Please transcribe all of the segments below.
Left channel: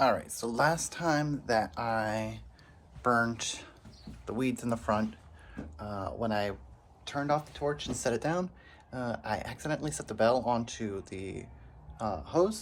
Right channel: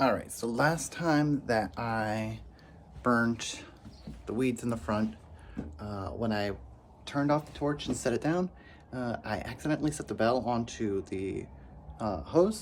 All right, so last time that I burnt the weeds in the front, when I turned off the torch and set it down, I accidentally set the bell onto the hose.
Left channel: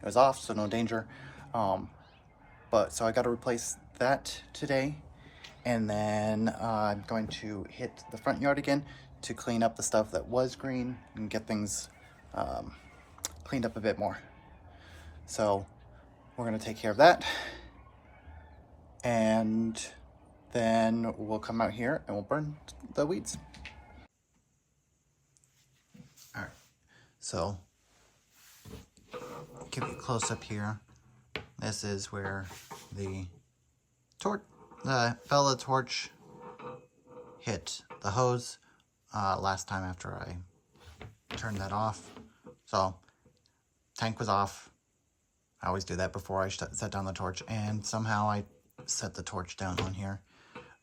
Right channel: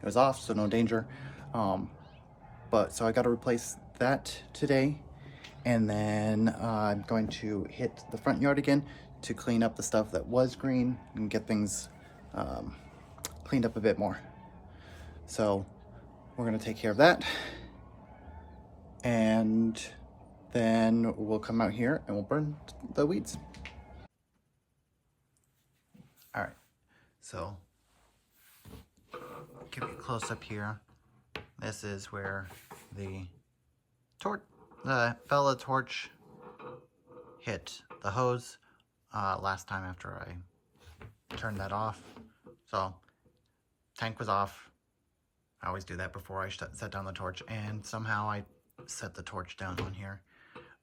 It was off, so no danger. But so I got to replace that today, and then I'm going to hit the front yard again to clean up the stuff that was green and get things cleaned up a bit more. So we're going to take care of that, and then we'll come out here and we'll burn the weeds. All right, so give you a close up here. This is where the Bella torch hit the hose last time after I turned that off. So tank was off. I always do that before I set down the torch, and somehow I set the torch down on here.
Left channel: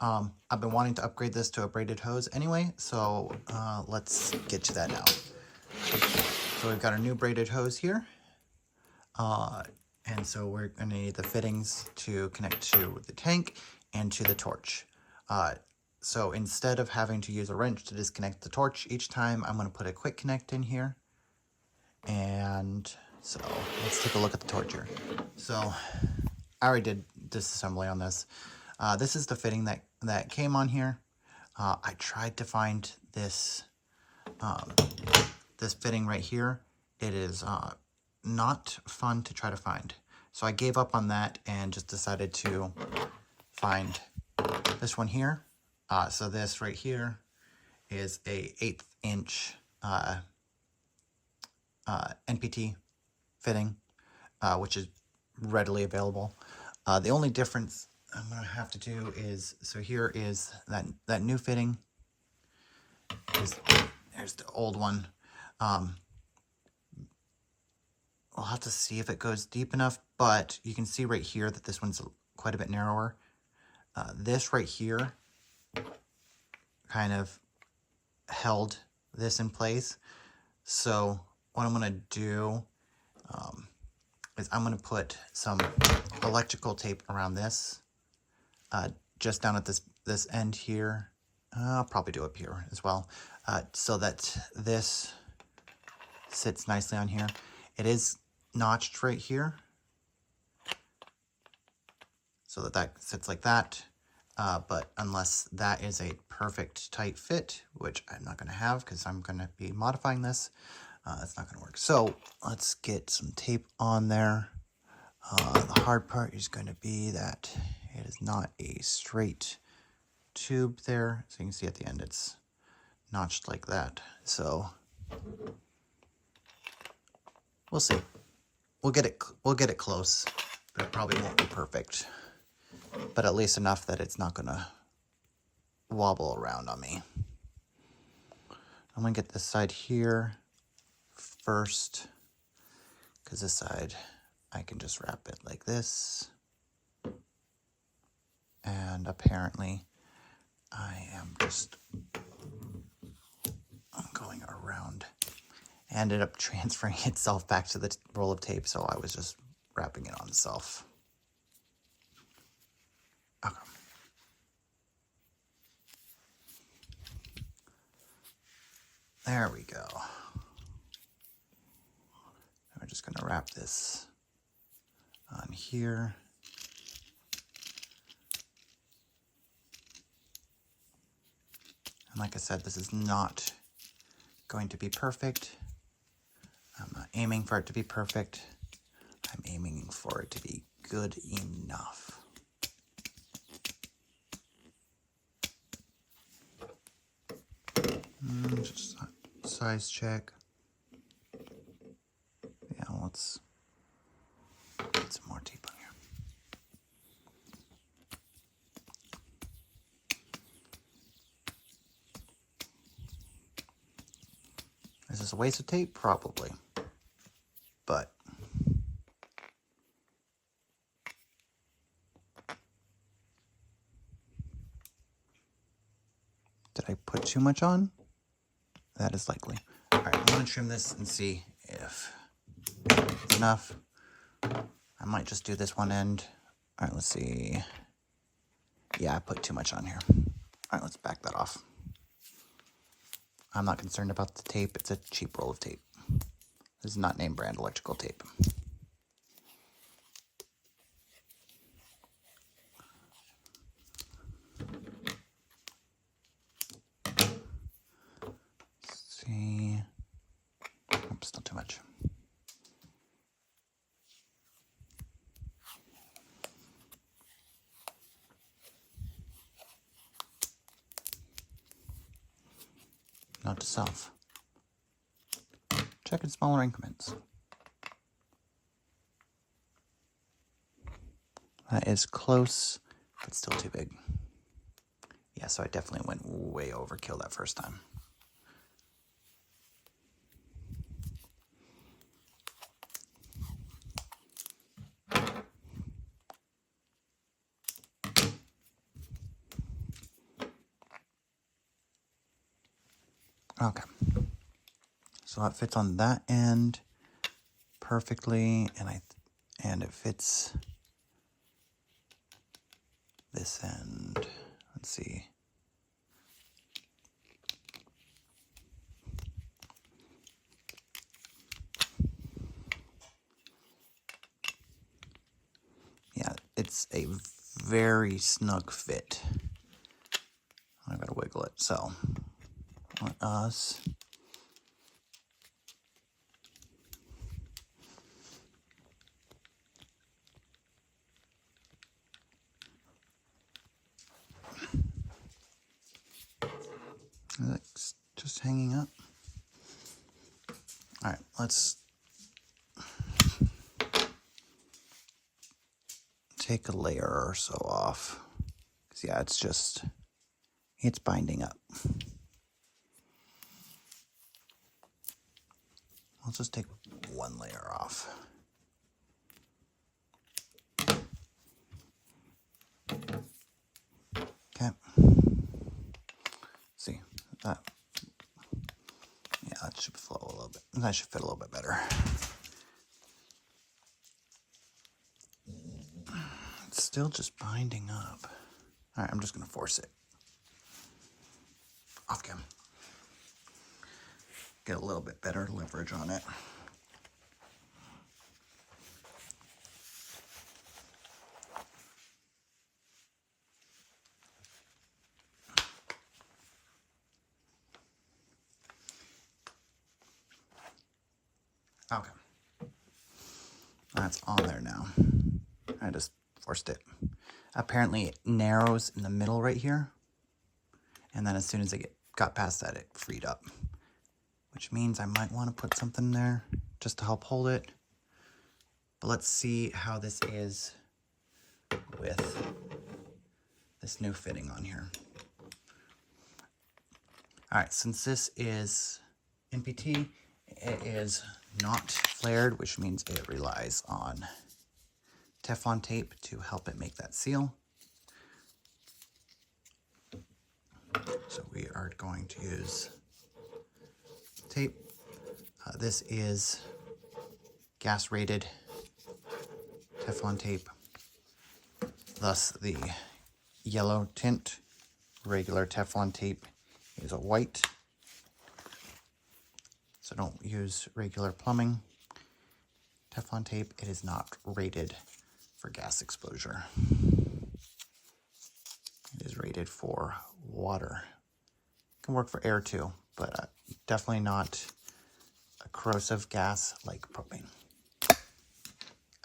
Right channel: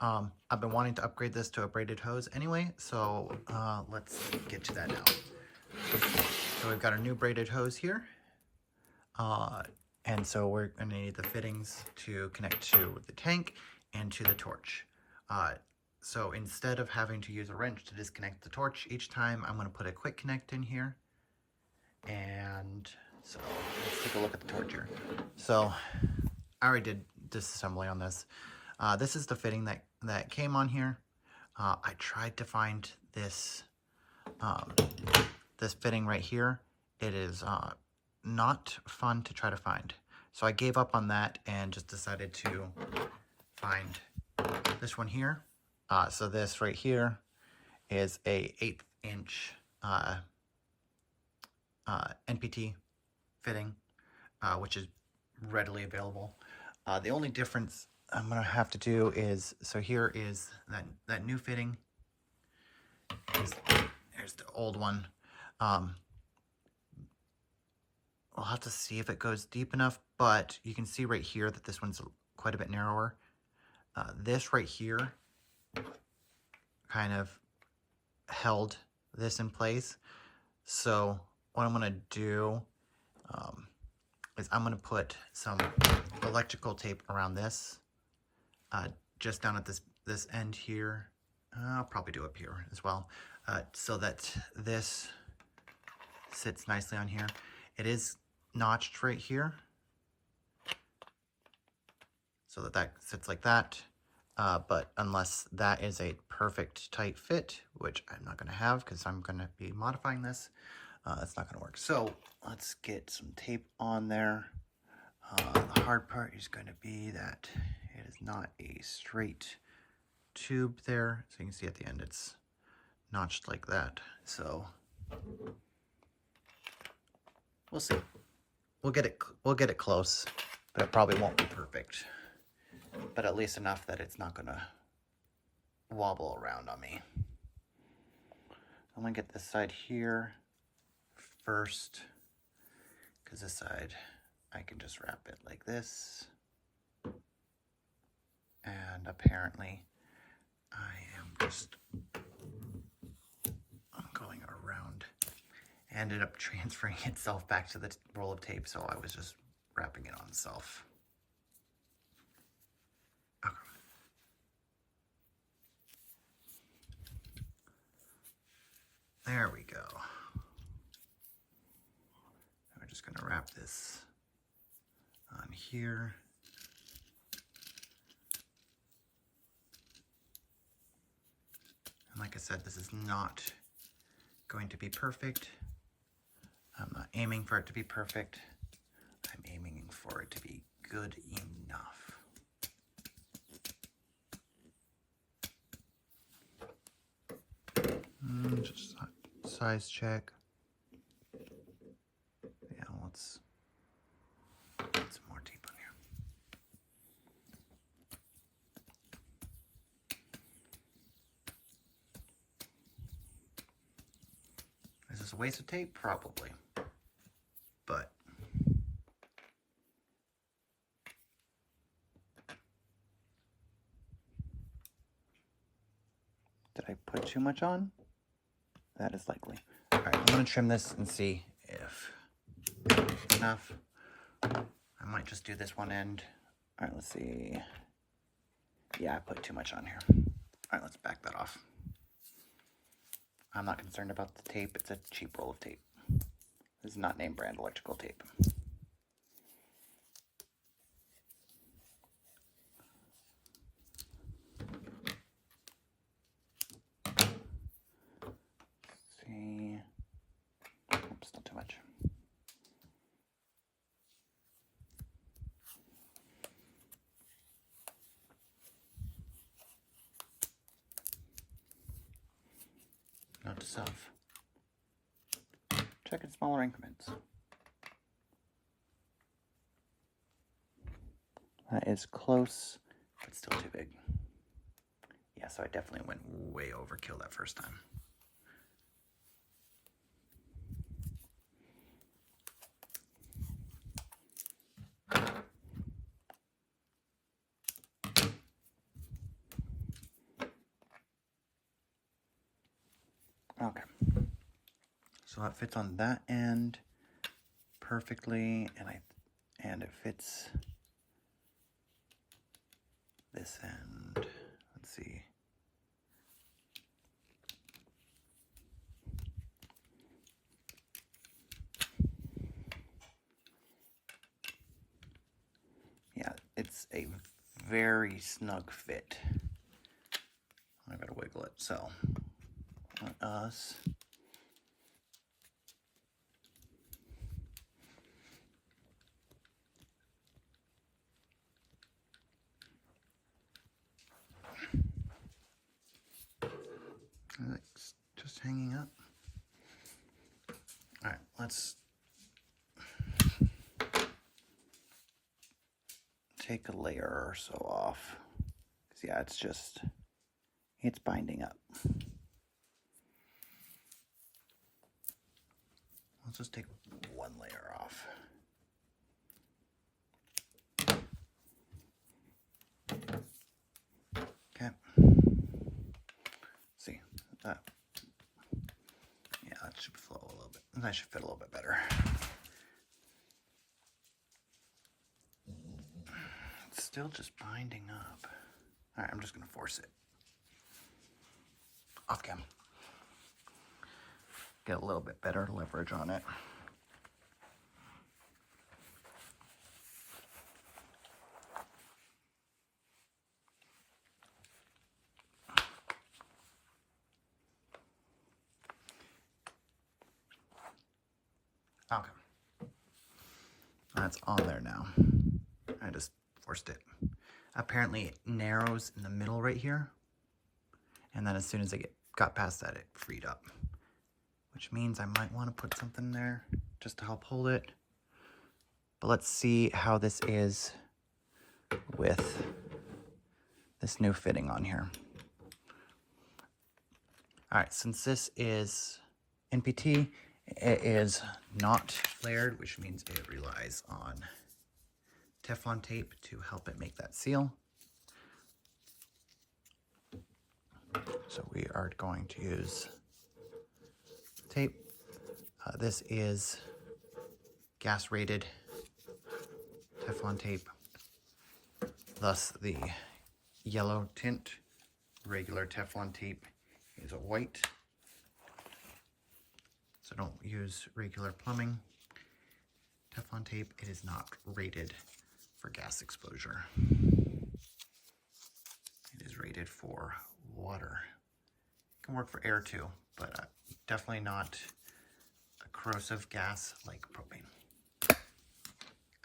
I've been wanting to upgrade this to a braided hose anyway, so let's get to that now. So we've got our new braided hose here, and so we're going to need the fittings to connect to the tank and to the torch. So instead of having to use a wrench to disconnect the torch each time, I'm going to put a quick connect in here. And so let's take a look at the torch here. So I already did disassembly on this. This is the fitting that came on here. I tried to find this this fitting right here. It is not fun to try to find. So I gave up on that and just decided to find this one here. So this right here is a 1/8 inch NPT fitting, which is readily available. The only difference I'm gonna have to do is, so here is that new fitting. There's the old one. We'll have to see if it goes deep enough, but you can see right here that this one's quite a bit narrower. This right here kind of held this in place. So what I'm gonna do is I'm gonna put some electrical tape around this, just down at this end here. I'll probably do up here as well, so that this sits nicely on here. It is notched right here, so that sits like that. But unless that is a perfect tight fit, which I'm not going to have because I'm going to be modifying this, it's not going to work. So let's get some tape on there. The hard part is going to be that it is not a straight tube there. So you can see at the end it's notched like that. So we'll see. We'll get it close, but it probably won't be perfect. But at least enough that it's not gonna wobble around on me. I'm gonna get this side here first, because this side I can just wrap it like this. And apparently I'm going around. Ended up transferring itself back to the roll of tape, so I was just wrapping it on itself. Okay. There we go. We're just going to wrap this on here. And like I said, this is not going to be perfect. I'm not aiming for it to be perfect. I'm aiming for it to be good enough. Just size check. Yeah, let's get some more tape on here. Is this a waste of tape? Probably. But did I put too much on? That is likely. All right, I'm gonna trim this and see if it's enough. I might just do this one end. All right, let's see. Yeah, I put too much on here. All right, let's back that off. I'm not concerned about the tape. It's a cheap roll of tape. This is not name brand electrical tape. Let's see. Oops, not too much. Note to self. Check in smaller increments. That is close, but still too big. Yeah, so I definitely went way overkill that first time. Okay. So it fits on that end perfectly, and it fits this end. Let's see. Yeah, it's a very snug fit. I gotta wiggle it. So let us it's just hanging up. All right, let's take a layer or so off. 'Cause yeah, it's binding up. Let's just take one layer off. Okay. See that? Yeah, that should flow a little bit. That should fit a little bit better. It's still just binding up. All right, I'm just gonna force it. Off cam. Get a little bit better leverage on it. Okay. That's on there now. I just forced it. Apparently it narrows in the middle right here. And then as soon as I got past that, it freed up. Which means I might want to put something there just to help hold it. But let's see how this is with this new fitting on here. All right, since this is NPT, it is not flared, which means it relies on Teflon tape to help it make that seal. So we are going to use tape. This is gas rated Teflon tape, thus the yellow tint. Regular Teflon tape is a white, so don't use regular plumbing Teflon tape. It is not rated for gas exposure. It is rated for water. It can work for air too, but definitely not a corrosive gas like propane.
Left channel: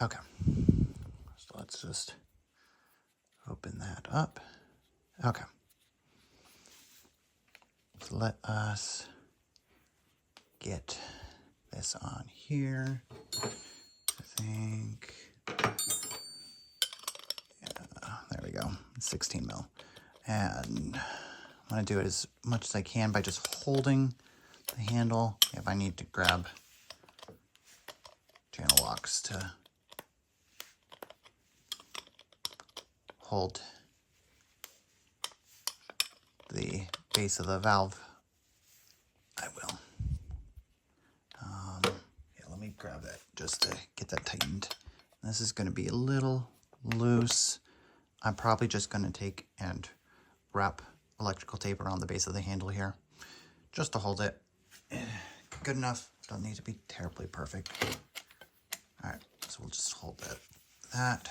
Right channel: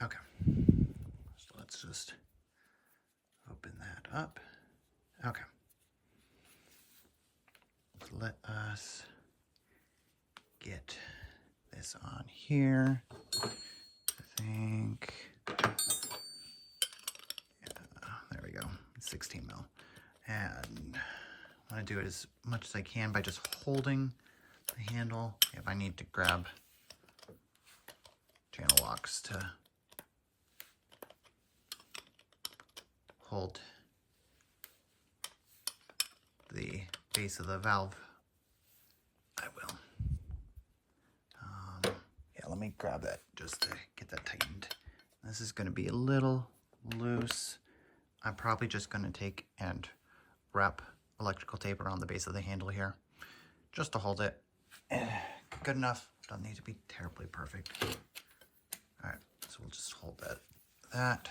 Okay, so let's just open that up. Okay, so let us get this on here. I think, yeah, there we go, 16 mil. And I'm gonna do it as much as I can by just holding the handle. If I need to grab channel locks to hold the base of the valve, I will. Yeah, let me grab that just to get that tightened. This is going to be a little loose. I'm probably just going to take and wrap electrical tape around the base of the handle here, just to hold it. Good enough. Don't need to be terribly perfect. All right, so we'll just hold that.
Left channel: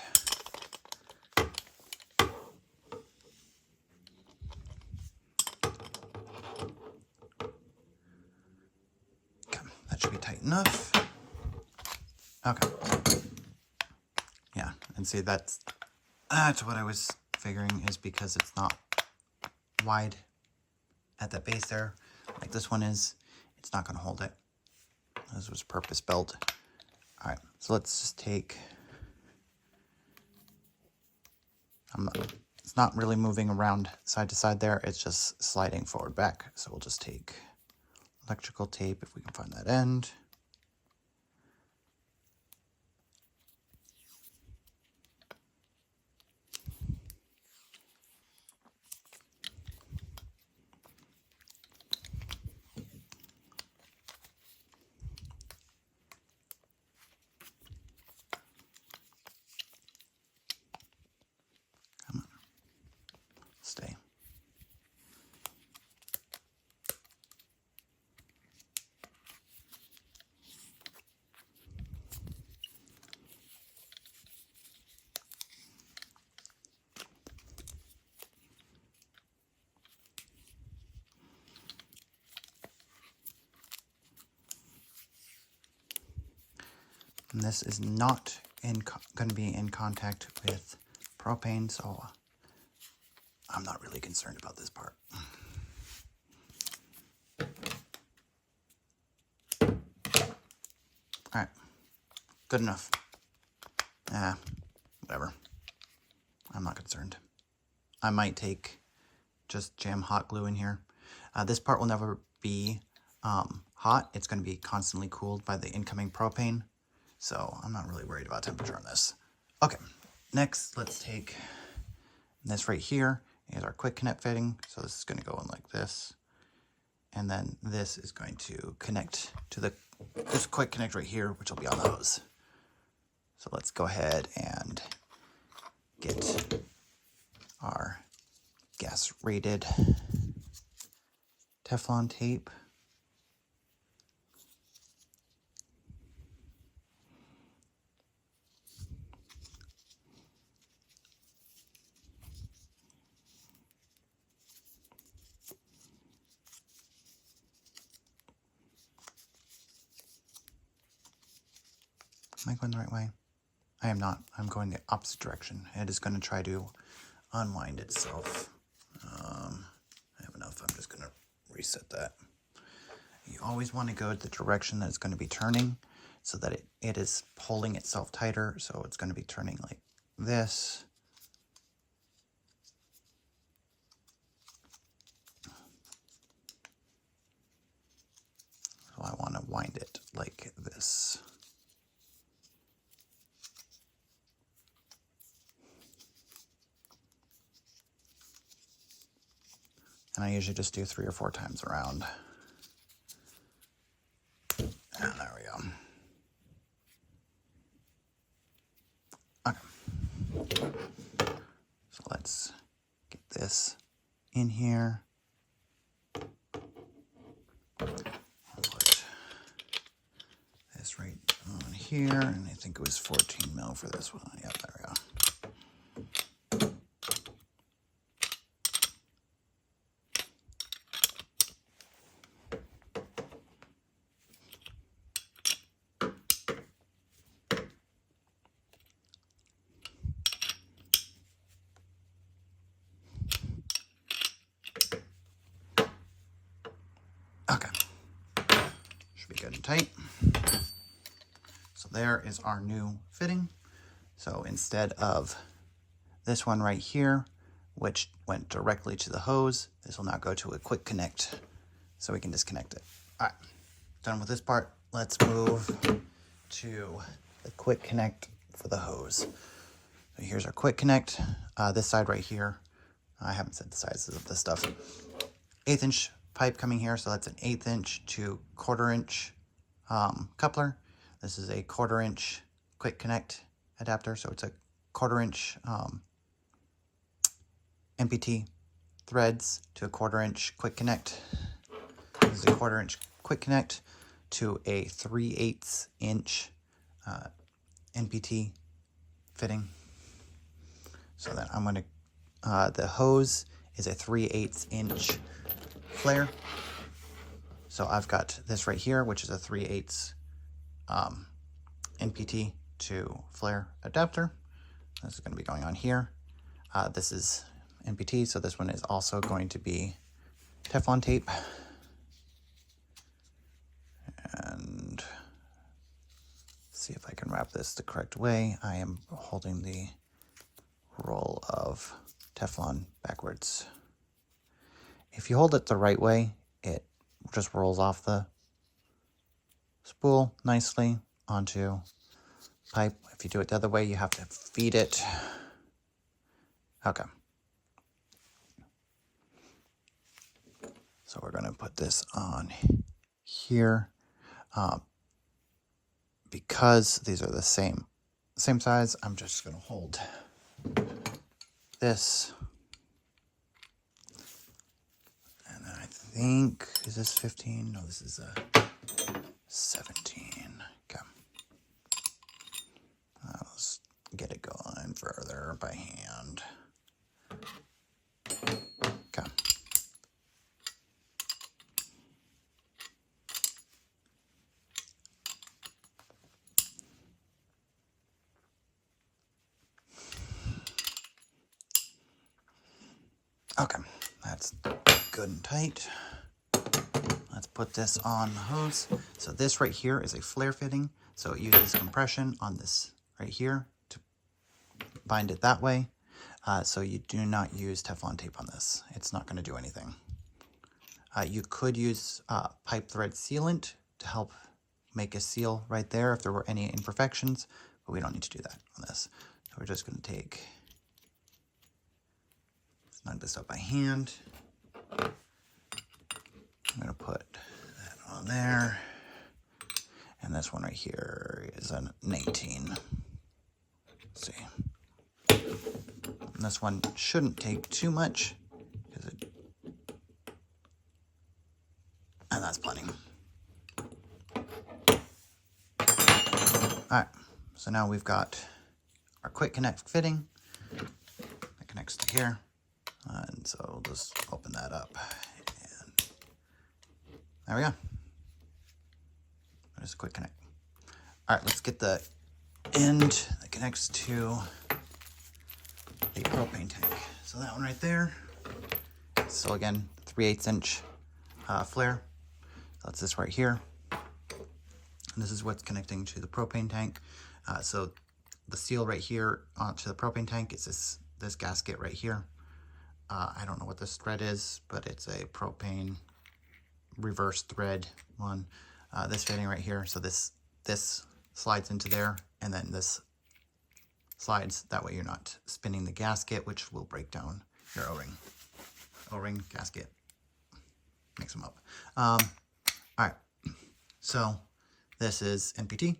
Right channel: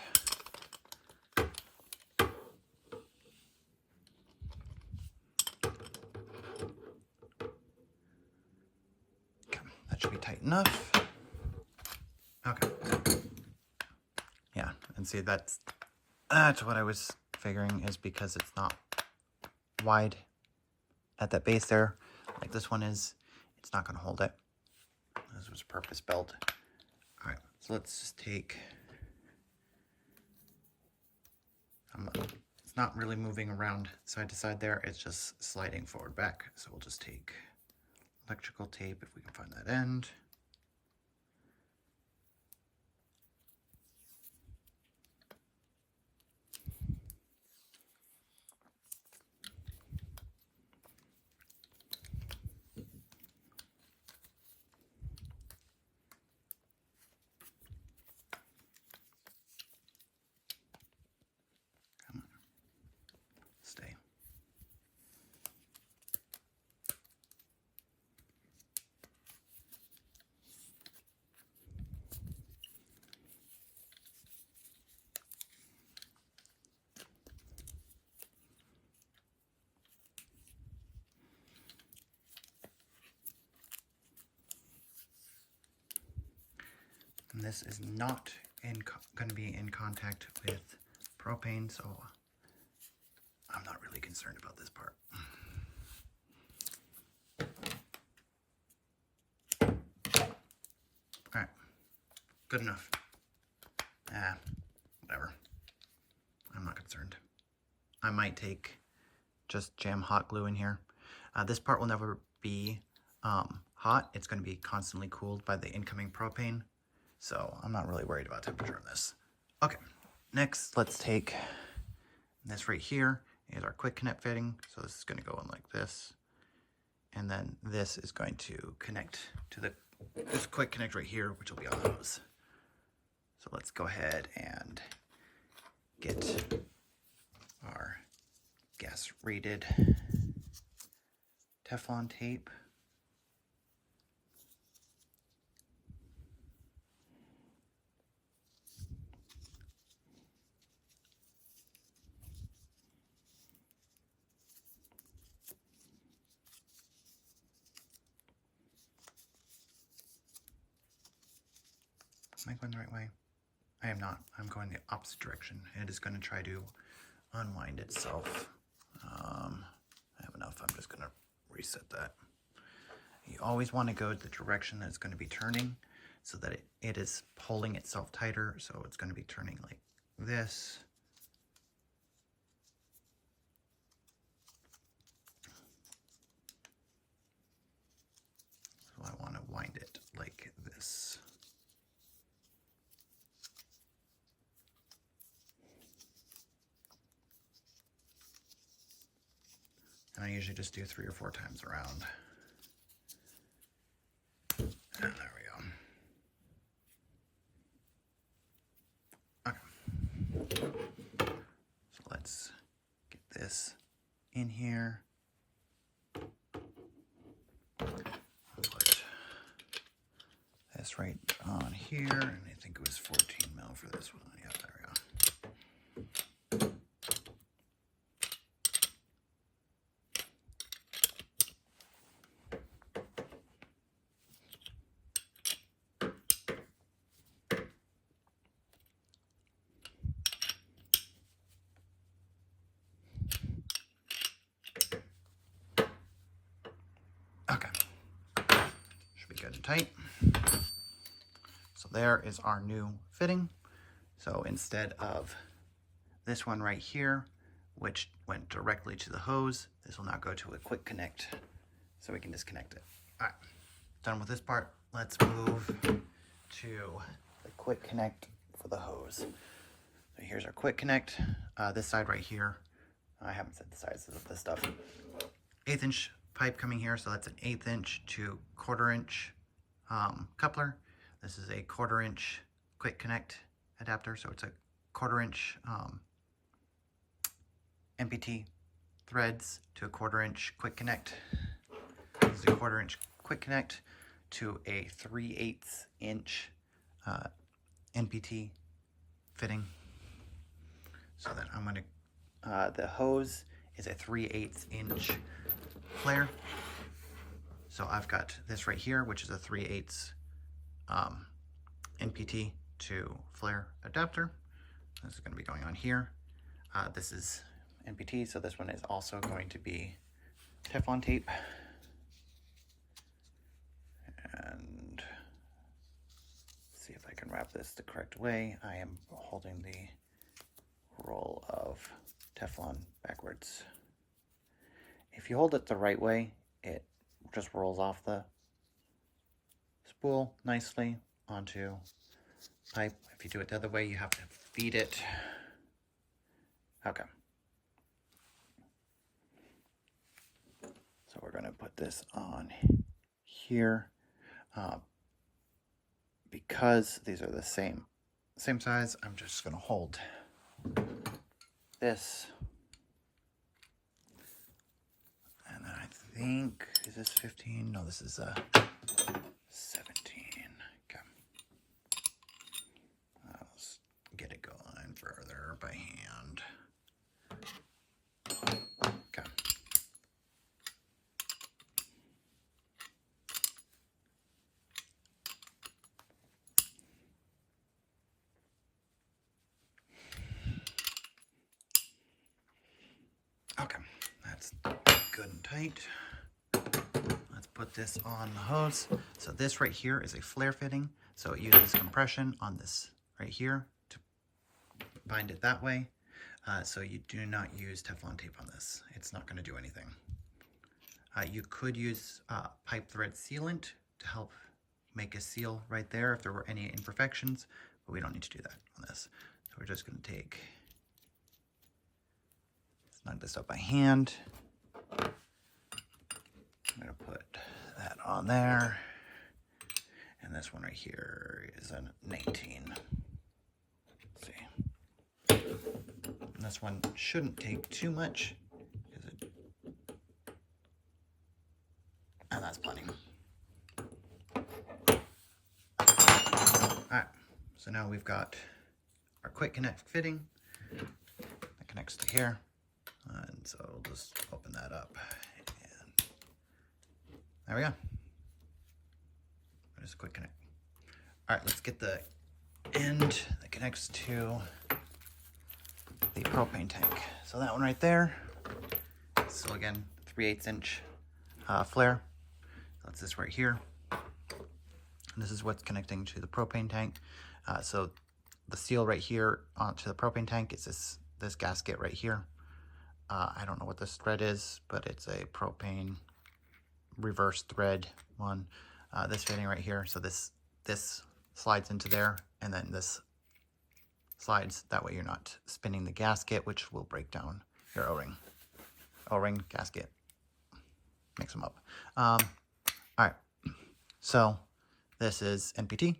Okay, that should be tight enough. Okay. Yeah, and see, that's what I was figuring, is because it's not wide at that base there, like this one is, it's not going to hold it. This was purpose built. All right, so let's just take, it's not really moving around side to side there, it's just sliding forward back. So we'll just take electrical tape, if we can find that end. Stay. And this is not going to be in contact with propane, so I'm not really concerned about this part. All right, good enough. Whatever. I'm not concerned. I might take just jam hot glue in here. This part will never be hot. It's going to be constantly cooled by the incoming propane. So I'm not really worried about temperature on this. Okay, next let's take this right here is our quick connect fitting. So this is going to go in like this. And then this is going to connect to this quick connect right here, which will be on the hose. So let's go ahead and get our gas rated Teflon tape. Am I going the right way? I am not. I'm going the opposite direction. It is going to try to unwind itself. I have enough. I'm just going to reset that. You always want to go the direction that it's going to be turning so that it is pulling itself tighter. So it's going to be turning like this. So I want to wind it like this. And I usually just do 3 or 4 times around. And there we go. Okay. So let's get this in here. I'll put this right on here. And I think it was 14 mil for this one. Yep, there we go. Okay, should be good and tight. So there is our new fitting. So instead of this one right here, which went directly to the hose, this will now go to a quick connect. So we can disconnect it. All right, done with this part. Let's move to the quick connect for the hose. So here's our quick connect. This side right here, I haven't said the sizes of this stuff. 1/8 inch pipe coming here, so that's an 1/8 inch to 1/4 inch coupler. This is a 1/4 inch quick connect adapter. So it's a 1/4 inch MPT threads to a 1/4 inch quick connect. This is a 1/4 inch quick connect to a 3/8 inch NPT fitting. So that I'm going to, the hose is a 3/8 inch flare. So I've got this right here, which is a 3/8 NPT to flare adapter. This is going to be going on here. This is NPT, so this one is also going to be Teflon tape. And let's see if I can wrap this the correct way. I am holding the roll of Teflon backwards. If you hold it the right way, it just rolls off the spool nicely onto pipe. If you do it the other way, you have to feed it. Okay. So we're going to put this on here. Because these are the same size, I'm just going to hold this. And then I think, is this 15? No, this is 17. Okay. Let's get it going further by hand. Okay. Okay, that's good and tight. Let's put this on the hose. So this right here is a flare fitting. So it uses compression on this right here to bind it that way. So you do not use Teflon tape on this. It's not going to do anything. You could use pipe thread sealant to help make a seal right there if there were any imperfections, but we don't need to do that on this. So we're just going to snug this up by hand. I'm going to put that on there. And this one right here is an 18. Let's see. And this one shouldn't take too much, and that's plenty. Alright, so now we've got our quick connect fitting that connects to here. And so we'll just open that up. And there we go. There's a quick connect. Alright, let's get the end that connects to the propane tank. So that one right there. So again, 3/8 inch flare. That's this right here. And this is what's connecting to the propane tank. So the seal right here onto the propane tank is this gasket right here. I don't know what this thread is, but it's a propane reverse thread one. This fitting right here. So this slides into there, and then this slides. That way you're not spinning the gasket, which will break down your O-ring. O-ring, gasket. Mix them up. All right. So this is NPT.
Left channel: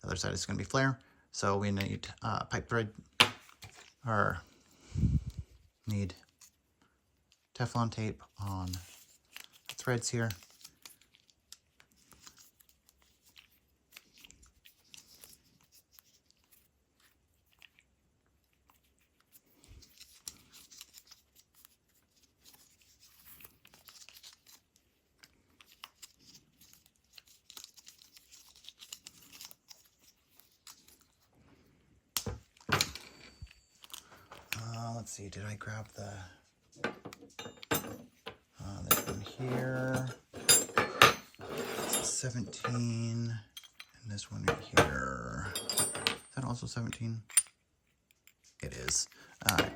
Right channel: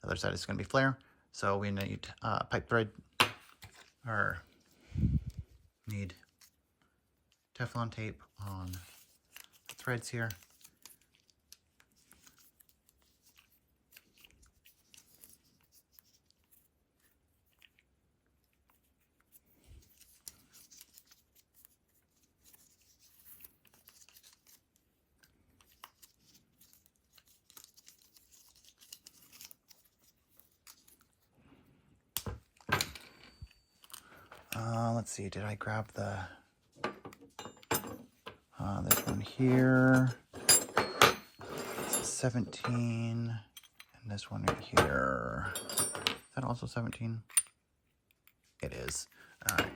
The other side is going to be flare. So we need pipe thread, or need Teflon tape on the threads here. Let's see, did I grab this one here? It's 17, and this one right here. Is that also 17? It is. All right.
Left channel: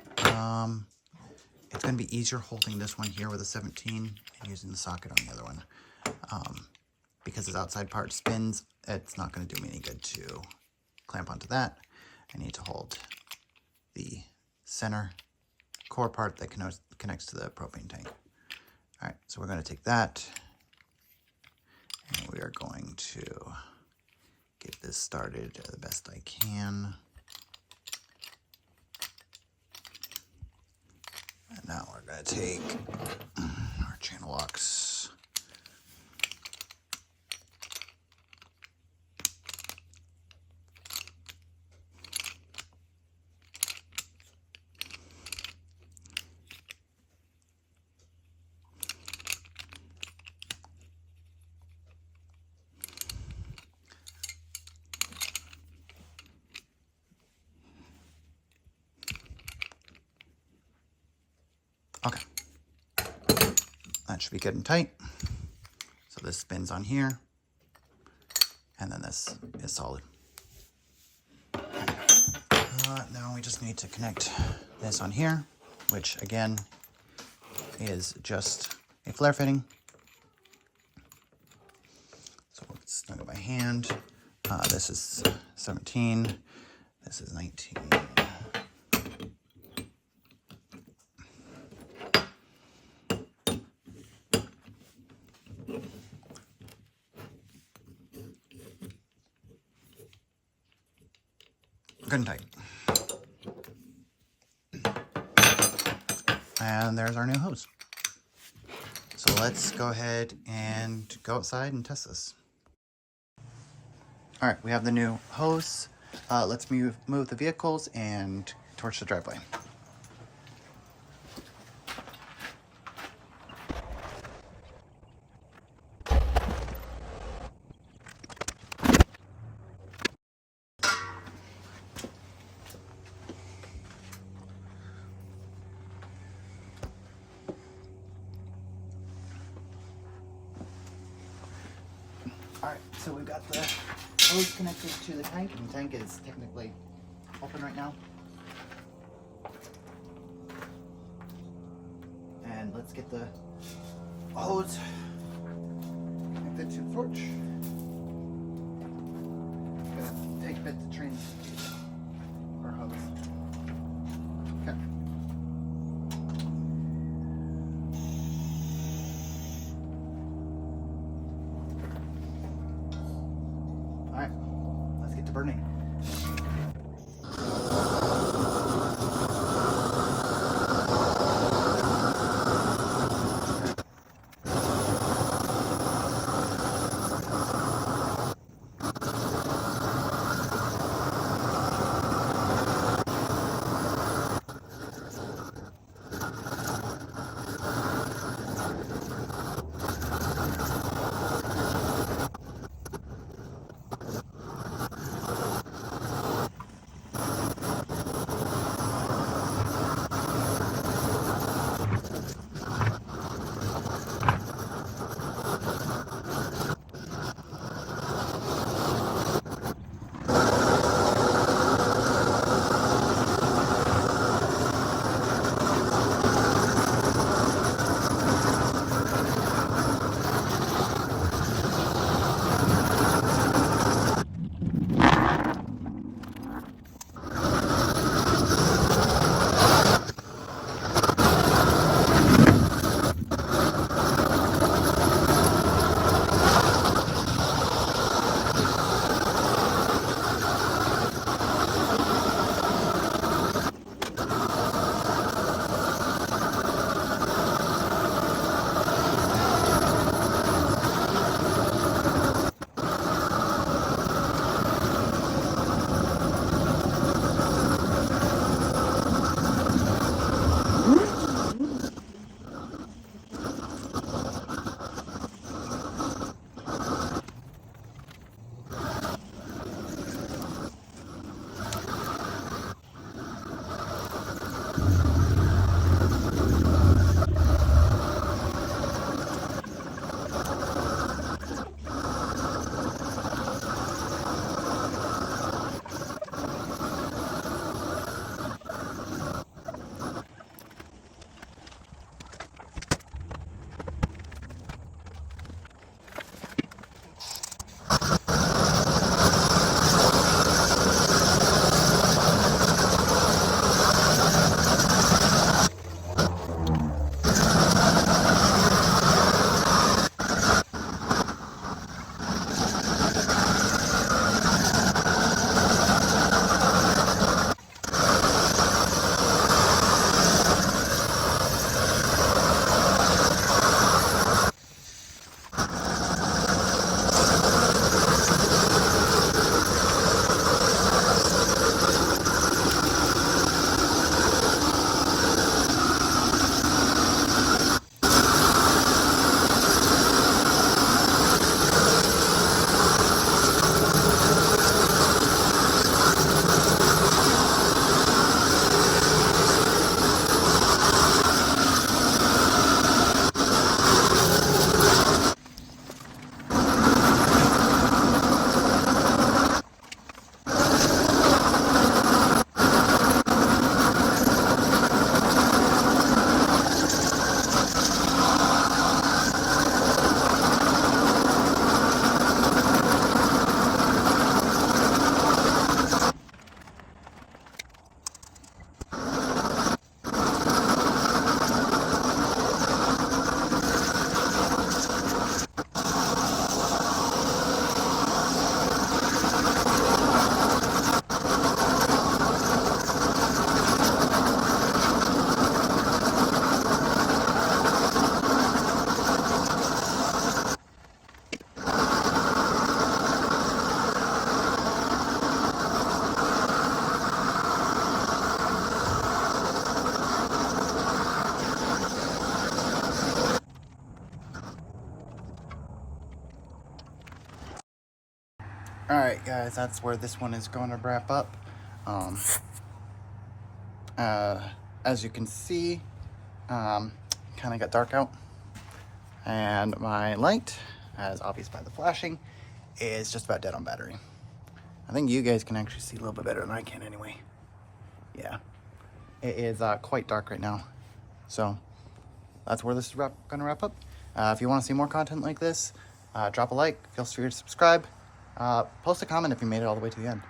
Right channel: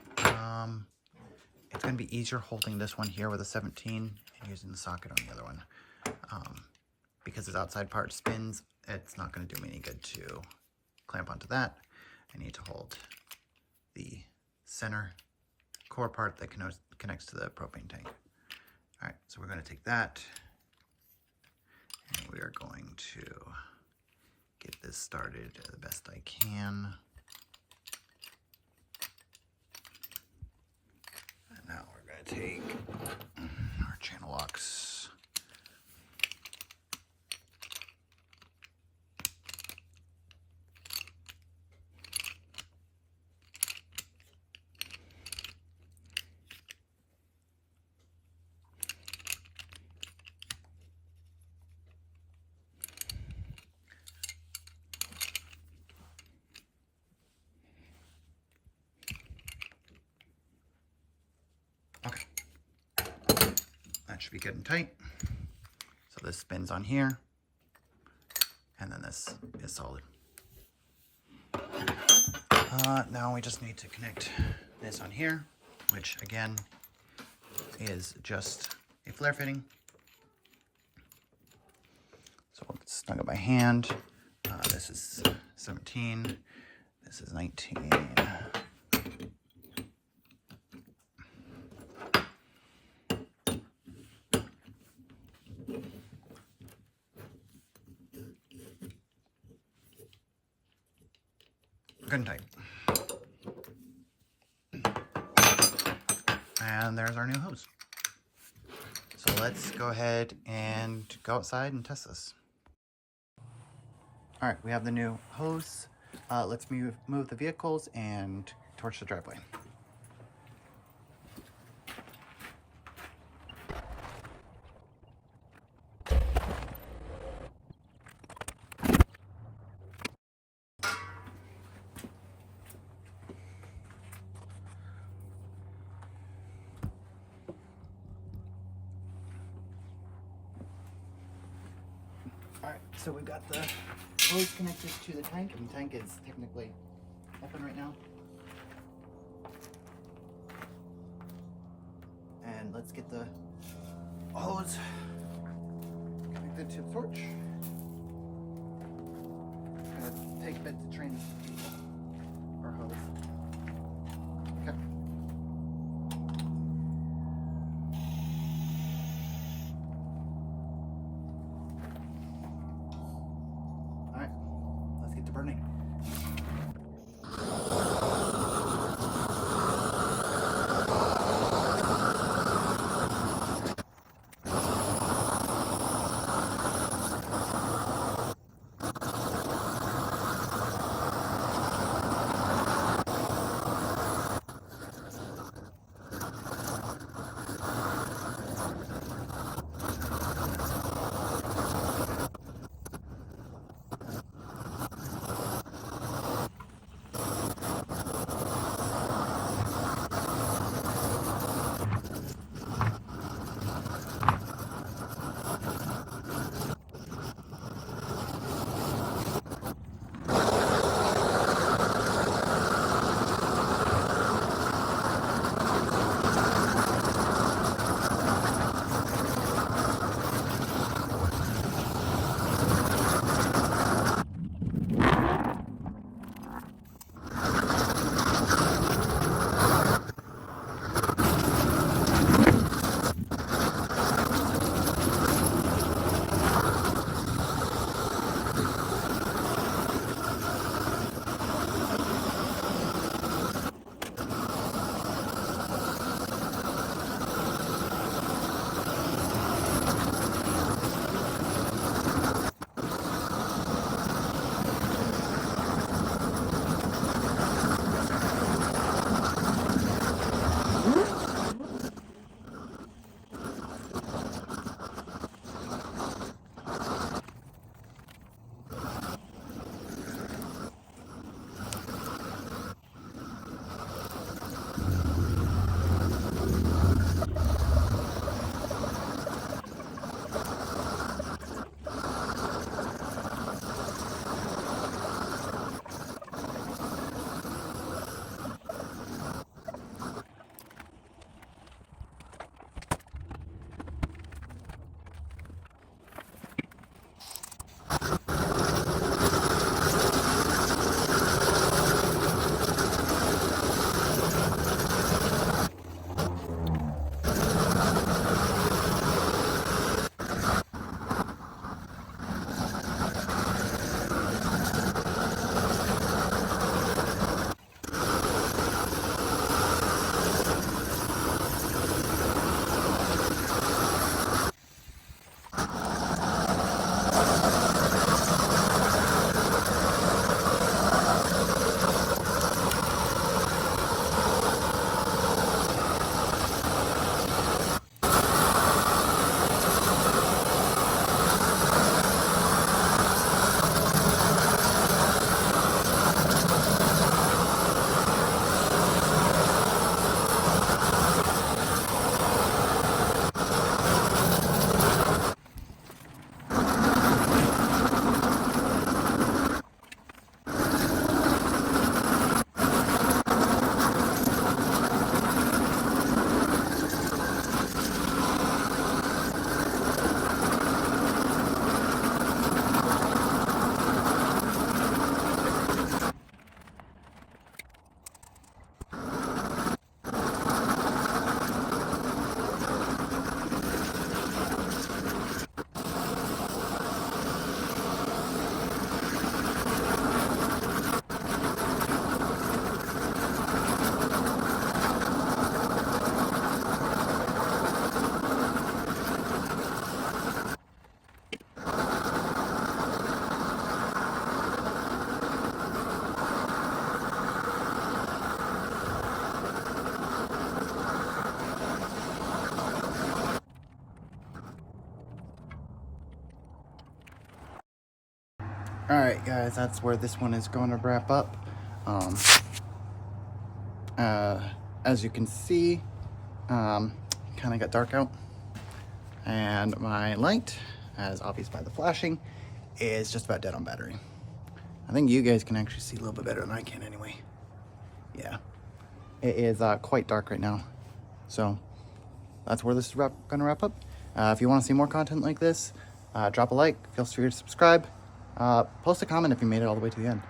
It's going to be easier holding this one here with a 17 and using the socket on the other one. Because this outside part spins, it's not going to do me any good to clamp onto that. I need to hold the center core part that connects to the propane tank. All right, so we're going to take that, and we are going to get this started the best I can. Okay. That should be good and tight. So this spins on here, and then this is solid. Now we just need to connect this on here, which again is just a flare fitting. So we'll snug it by hand. This is 17, this is 19. Good and tight. And there's our new hose. So let's go ahead and go outside and test this. All right, we have the new hose. Let's move the vehicles and torch the driveway. All right, so we've got the hose connected to the tank, and the tank is technically open right now. And let's get the hose connected to the torch. Gonna take a bit to train our hose. Okay. All right, let's get to burning. right, guys, that's where this one is going to wrap up. As you can see, kind of got dark out, and my light, as obvious by the flashing, is just about dead on battery. I think you guys can actually see a little bit better than I can anyway. Yeah, it is quite dark right now. So that's where this is gonna wrap up. If you want to see more content like this, drop a like, feel free to subscribe, post a comment if you made it all the way to the end.